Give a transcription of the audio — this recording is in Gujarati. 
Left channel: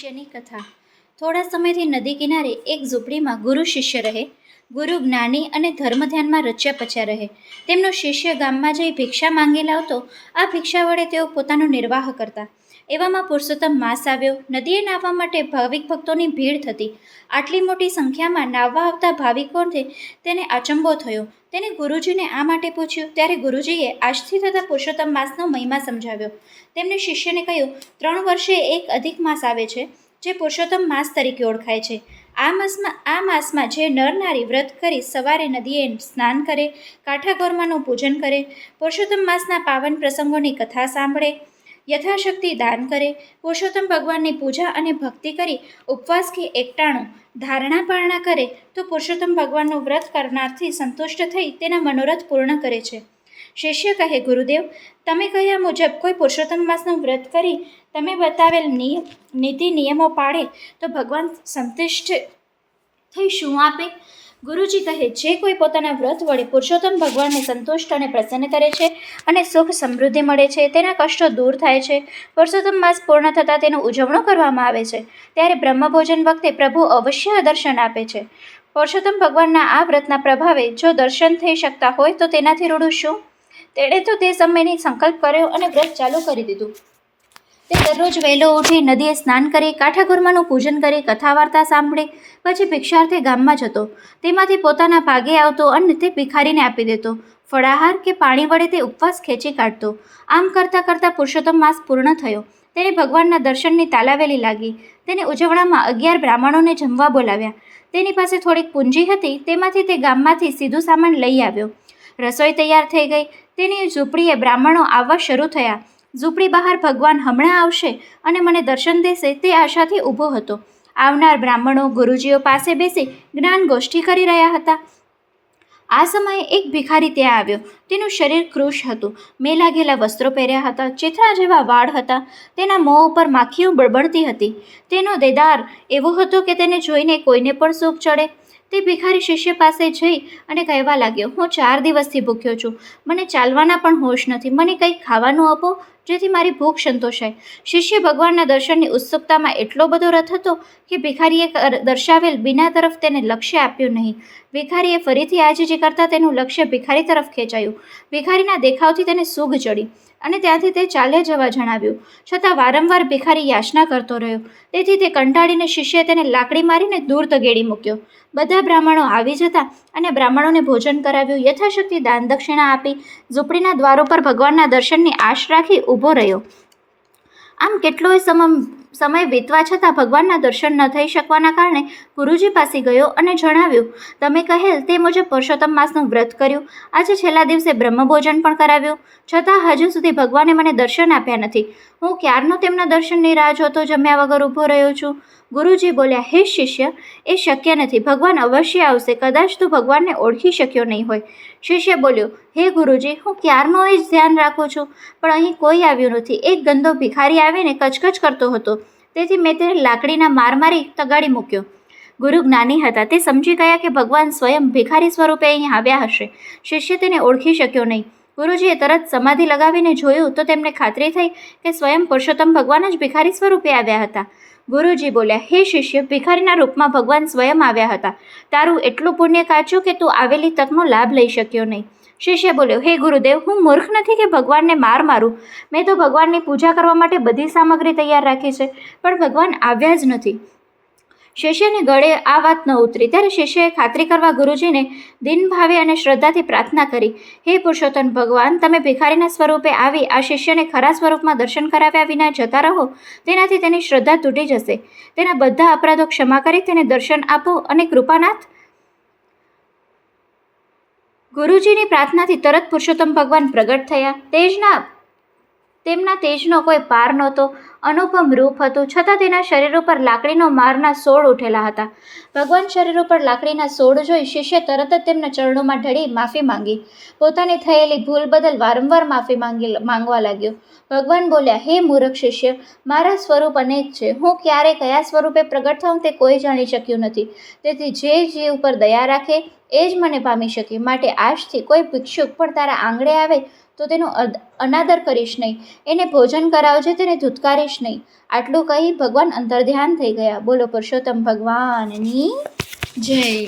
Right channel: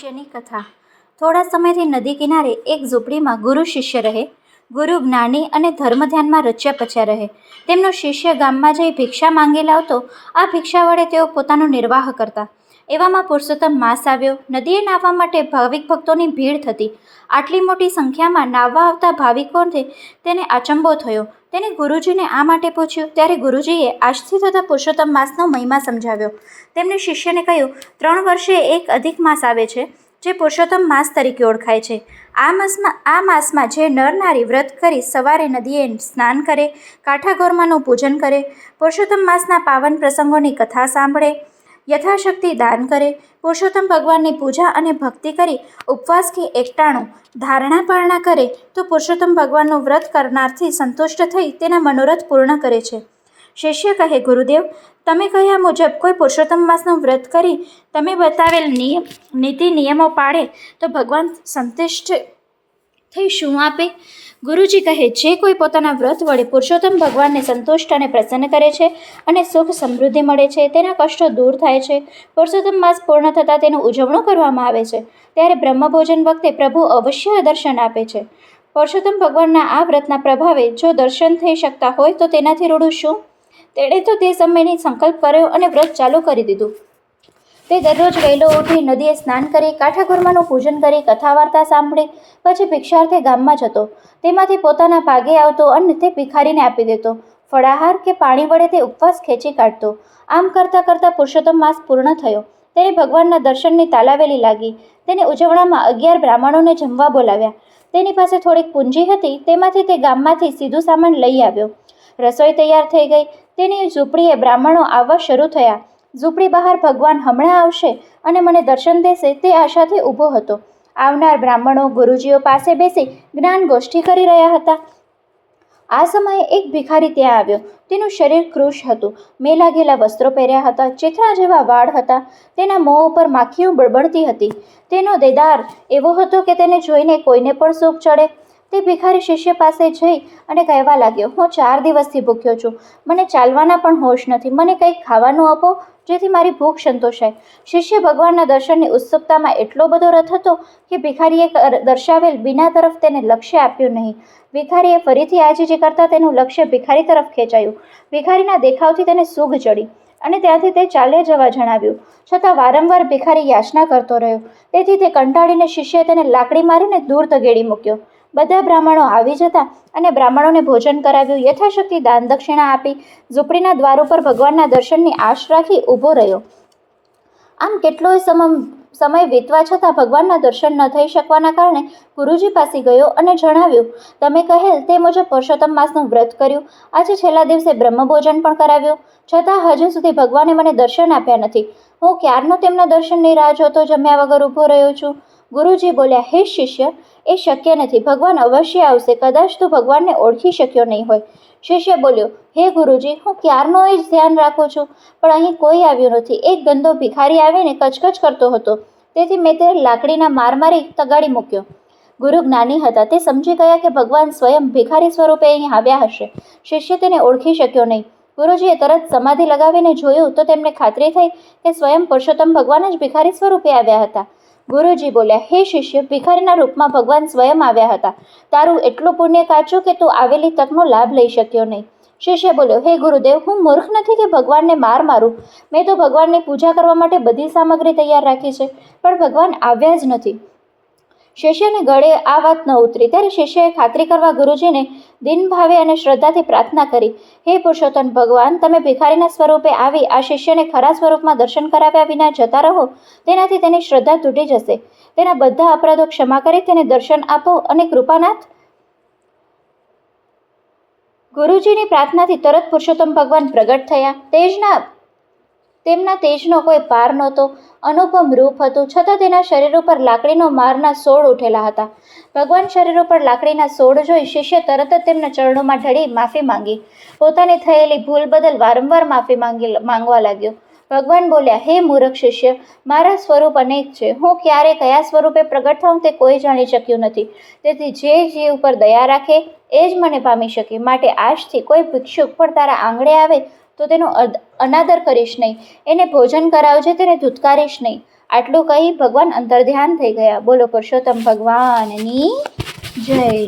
શિષ્યની કથા. થોડા સમયથી નદી કિનારે એક ઝૂંપડીમાં ગુરુ શિષ્ય રહે. ગુરુ જ્ઞાની અને ધર્મ ધ્યાનમાં રચ્યા પચ્યા રહે. તેમનો શિષ્ય ગામમાં જઈ ભિક્ષા માંગી લાવતો. આ ભિક્ષા વડે તેઓ પોતાનો નિર્વાહ કરતા. એવામાં પુરુષોત્તમ માસ આવ્યો. નદીએ નાહવા માટે ભાવિક ભક્તોની ભીડ થતી. આટલી મોટી સંખ્યામાં નાહવા આવતા ભાવિકોને તેને અચંબો થયો. તેને ગુરુજીને આ માટે પૂછ્યું. ત્યારે ગુરુજીએ આજથી થતા પુરુષોત્તમ માસનો મહિમા સમજાવ્યો. તેમણે શિષ્યને કહ્યું, 3 વર્ષે એક અધિક માસ આવે છે, જે પુરુષોત્તમ માસ તરીકે ઓળખાય છે. આ માસમાં જે નર નારી વ્રત કરી સવારે નદીએ સ્નાન કરે, કાંઠા ગોરમાનું પૂજન કરે, પુરુષોત્તમ માસના પાવન પ્રસંગોની કથા સાંભળે, યથાશક્તિ દાન કરે, પુરુષોત્તમ ભગવાનની પૂજા અને ભક્તિ કરી ઉપવાસ કે એકટાણું ધારણા પારણા કરે, તો પુરુષોત્તમ ભગવાનનું વ્રત કરનારથી સંતુષ્ટ થઈ તેના મનોરથ પૂર્ણ કરે છે. શિષ્ય કહે, ગુરુદેવ, તમે કહ્યા મુજબ કોઈ પુરુષોત્તમ માસનું વ્રત કરી તમે બતાવેલ નીતિ નિયમો પાળે તો ભગવાન સંતુષ્ટ થઈ શું આપે? ગુરુજી કહે, જે કોઈ પોતાના વ્રત વડે પુરુષોત્તમ ભગવાનને સંતુષ્ટ અને પ્રસન્ન કરે છે અને સુખ સમૃદ્ધિ મળે છે, તેના કષ્ટો દૂર થાય છે. પુરુષોત્તમ માસ પૂર્ણ થતાં તેનો ઉજવણો કરવામાં આવે છે. ત્યારે બ્રહ્મભોજન વખતે પ્રભુ અવશ્ય દર્શન આપે છે. પુરુષોત્તમ ભગવાનના આ વ્રતના પ્રભાવે જો દર્શન થઈ શકતા હોય તો તેનાથી રૂડું શું? તેણે તો તે સમયની સંકલ્પ કર્યો અને વ્રત ચાલુ કરી દીધું. તે દરરોજ વહેલો ઉઠી નદીએ સ્નાન કરી, કાંઠા ગોરમાનું પૂજન કરી, કથા વાર્તા સાંભળી, પછી ભિક્ષાર્થે ગામમાં જતો. તેમાંથી પોતાના ભાગે આવતો અન્ન તે ભિખારીને આપી દેતો. ફળાહાર કે પાણી વડે તે ઉપવાસ ખેંચી કાઢતો. આમ કરતાં કરતાં પુરુષોત્તમ માસ પૂર્ણ થયો. તેને ભગવાનના દર્શનની તાલાવેલી લાગી. તેને ઉજવણામાં 11 બ્રાહ્મણોને જમવા બોલાવ્યા. તેની પાસે થોડીક પૂંજી હતી. તેમાંથી તે ગામમાંથી સીધું સામાન લઈ આવ્યો. રસોઈ તૈયાર થઈ ગઈ. તેની ઝૂંપડીએ બ્રાહ્મણો આવવા શરૂ થયા. ઝૂંપડી બહાર ભગવાન હમણાં આવશે અને મને દર્શન દેશે તે આશાથી ઊભો હતો. આવનાર બ્રાહ્મણો ગુરુજીઓ પાસે બેસી જ્ઞાન ગોષ્ઠી કરી રહ્યા હતા. આ સમયે એક ભિખારી ત્યાં આવ્યો. તેનું શરીર કૃશ હતું. મેલા ઘેલા વસ્ત્રો પહેર્યા હતા. ચિથરા જેવા વાળ હતા. તેના મોં ઉપર માખીઓ બળબડતી હતી. તેનો દેદાર એવો હતો કે તેને જોઈને કોઈને પણ સૂગ ચડે. તે ભિખારી શિષ્ય પાસે જઈ અને કહેવા લાગ્યો, હું 4 દિવસથી ભૂખ્યો છું. મને ચાલવાના પણ હોશ નથી. મને કંઈક ખાવાનું આપો જેથી મારી ભૂખ સંતોષાય. શિષ્ય ભગવાનના દર્શનની ઉત્સુકતામાં એટલો બધો રથ હતો કે ભિખારીએ દર્શાવેલ બીના તરફ તેને લક્ષ્ય આપ્યું નહીં. ભિખારીએ ફરીથી આજીજી કરતાં તેનું લક્ષ્ય ભિખારી તરફ ખેંચાયું. ભિખારીના દેખાવથી તેને સૂગ ચડી અને ત્યાંથી તે ચાલ્યા જવા જણાવ્યું. છતાં વારંવાર ભિખારી યાચના કરતો રહ્યો. તેથી તે કંટાળીને શિષ્યએ તેને લાકડી મારીને દૂર તગેડી મૂક્યો. બધા બ્રાહ્મણો આવી જતા અને બ્રાહ્મણોને ભોજન કરાવ્યું. યથાશક્તિ દાન દક્ષિણા આપી ઝૂંપડીના દ્વારો પર ભગવાનના દર્શનની આશ રાખી ઊભો રહ્યો. આમ કેટલોય સમય વીતવા છતાં ભગવાનના દર્શન ન થઈ શકવાના કારણે ગુરુજી પાસે ગયો અને જણાવ્યું, તમે કહેલ તે મુજબ પુરુષોત્તમ માસનું વ્રત કર્યું. આજે છેલ્લા દિવસે બ્રહ્મભોજન પણ કરાવ્યું. છતાં હજુ સુધી ભગવાને મને દર્શન આપ્યા નથી. હું ક્યારનો તેમના દર્શનની રાહ જોતો જમ્યા વગર ઊભો રહ્યો છું. ગુરુજી બોલ્યા, હે શિષ્ય, એ શક્ય નથી. ભગવાન અવશ્ય આવશે. કદાચ તું ભગવાનને ઓળખી શક્યો નહીં હોય. શિષ્ય બોલ્યો, હે ગુરુજી, હું ક્યારનો એ જ ધ્યાન રાખું છું, પણ અહીં કોઈ આવ્યું નથી. એક ગંદો ભિખારી આવીને કચકચ કરતો હતો. તેથી મેં તેને લાકડીના માર મારી તગાડી મૂક્યો. ગુરુ જ્ઞાની હતા. તે સમજી ગયા કે ભગવાન સ્વયં ભિખારી સ્વરૂપે અહીં આવ્યા હશે. શિષ્ય તેને ઓળખી શક્યો નહીં. ગુરુજીએ તરત સમાધિ લગાવીને જોયું તો તેમને ખાતરી થઈ કે સ્વયં પુરુષોત્તમ ભગવાન જ ભિખારી સ્વરૂપે આવ્યા હતા. ગુરુજી બોલ્યા, હે શિષ્ય, ભિખારીના રૂપમાં ભગવાન સ્વયં આવ્યા હતા. તારું એટલું પુણ્ય કાચ્યું કે તું આવેલી તકનો લાભ લઈ શક્યો નહીં. શિષ્ય બોલ્યો, હે ગુરુદેવ, હું મૂર્ખ નથી કે ભગવાનને માર મારું. મેં તો ભગવાનની પૂજા કરવા માટે બધી સામગ્રી તૈયાર રાખી છે, પણ ભગવાન આવ્યા જ નથી. શિષ્યને ગળે આ વાત ન ઉતરી. ત્યારે શિષ્યએ ખાતરી કરવા ગુરુજીને દિન ભાવે અને શ્રદ્ધાથી પ્રાર્થના કરી, હે પુરુષોત્તમ ભગવાન, તમે ભિખારીના સ્વરૂપે આવી આ શિષ્યને ખરા સ્વરૂપમાં દર્શન કરાવ્યા વિના જતા રહો. તેનાથી તેની શ્રદ્ધા તૂટી જશે. તેના બધા અપરાધો ક્ષમા કરી તેને દર્શન આપો અને કૃપાનાથ. ગુરુજીની પ્રાર્થનાથી તરત પુરુષોત્તમ ભગવાન પ્રગટ થયા. તેમના તેજનો કોઈ પાર નહોતો. અનુપમ રૂપ હતું. છતાં તેના શરીર ઉપર લાકડીનો મારના સોળ ઉઠેલા હતા. ભગવાન શરીર ઉપર લાકડીના સોળ જોઈ શિષ્ય તરત જ તેમના ચરણોમાં ઢળી માફી માંગી. પોતાની થયેલી ભૂલ બદલ વારંવાર માફી માંગવા લાગ્યો. ભગવાન બોલ્યા, હે મૂર્ખ શિષ્ય, મારા સ્વરૂપ અનેક છે. હું ક્યારે કયા સ્વરૂપે પ્રગટ થાઉં તે કોઈ જાણી શક્યું નથી. તેથી જે જીવ ઉપર દયા રાખે એ જ મને પામી શકે. માટે આજથી કોઈ ભિક્ષુક પણ તારા આંગણે આવે તો તેનો અનાદર કરીશ નહીં. એને ભોજન કરાવજે, તેને ધૂતકારીશ નહીં. આટલું કહી ભગવાન અંતર્ધ્યાન થઈ ગયા. બોલો પુરુષોત્તમ ભગવાનની જય.